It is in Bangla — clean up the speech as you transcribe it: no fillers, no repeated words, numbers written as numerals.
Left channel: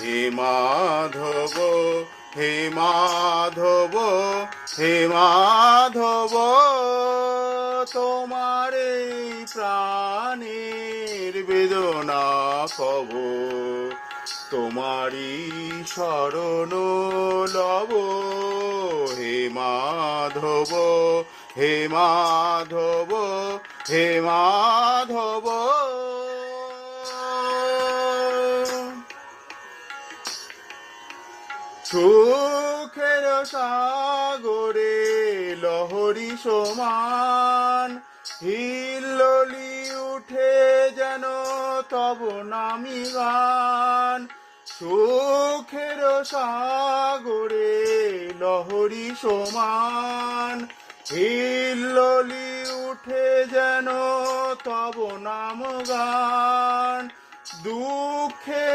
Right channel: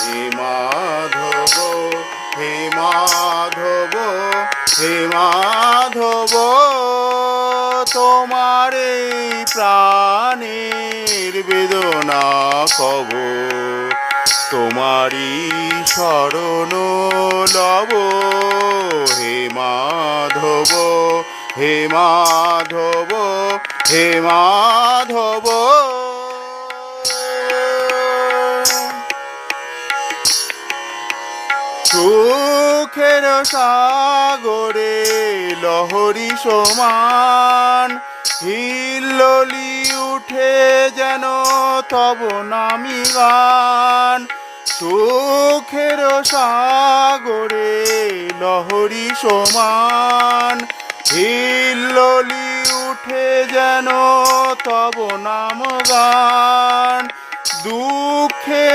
হে মাধব, হে মাধব, হে মাধব, তোমার এই প্রাণের বেদনা কব, তোমারই শরণ লব। হে মাধব, হে মাধব, হে মাধব। সুখের সাগরে লহরী সমান হিল্লোলি উঠে যেন তব নামি গান। সুখের সাগরে লহরী সমান হিল্লোলি উঠে যেন তব নাম গান। দুঃখে